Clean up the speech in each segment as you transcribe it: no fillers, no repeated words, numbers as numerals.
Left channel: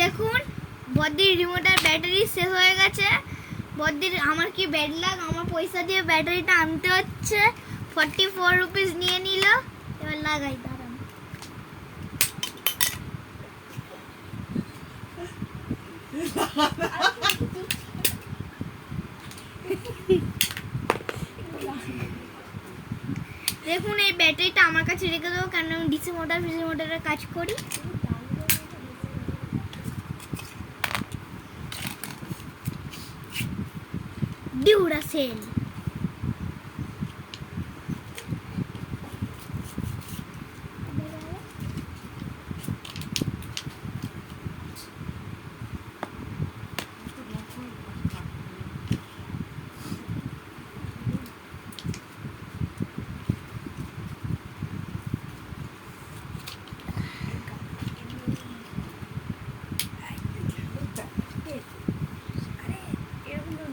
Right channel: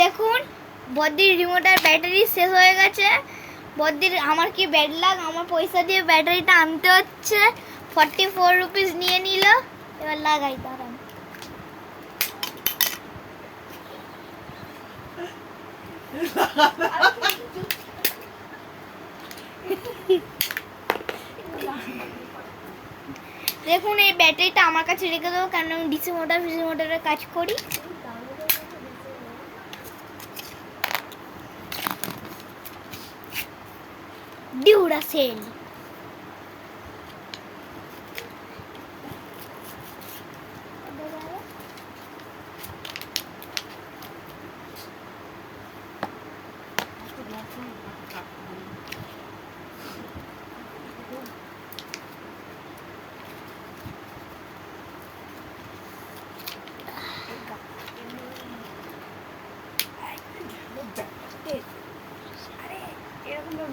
দেখুন বদ্দির রিমোটের ব্যাটারি শেষ হয়ে গেছে। বদ্দির আমার কি ব্যাড লাগ, আমার পয়সা দিয়ে ব্যাটারিটা আনতে হচ্ছে। 44 রুপিস নিয়ে নিল। এবার লাগাই, দাঁড়ান। দেখুন এই ব্যাটারিটা আমার কাছে রেখে দেবো, কারণ আমি ডিসি মোটরের কাজ করি। ডিউরাসেল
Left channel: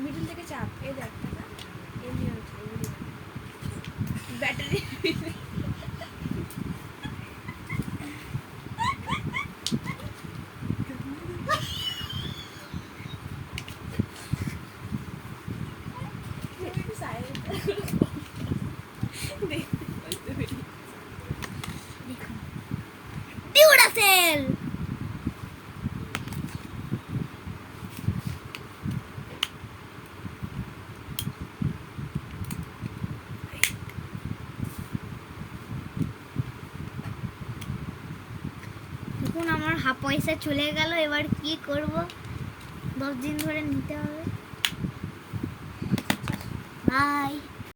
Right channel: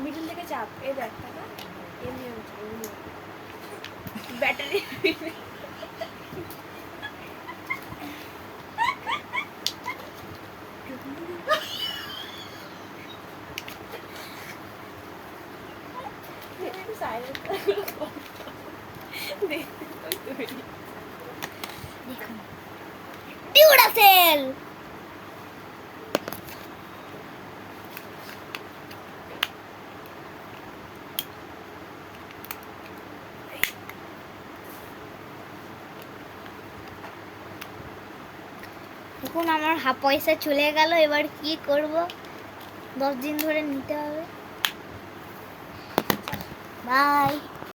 মিডল থেকে চাপ, এই দেখ টাকা এমনি ব্যাটারি ডিউরাসেল। দেখুন আমার হাফ পয়সা চলে গেল। এবার কি করব, 10 দিন ধরে নিতে হবে। বাই।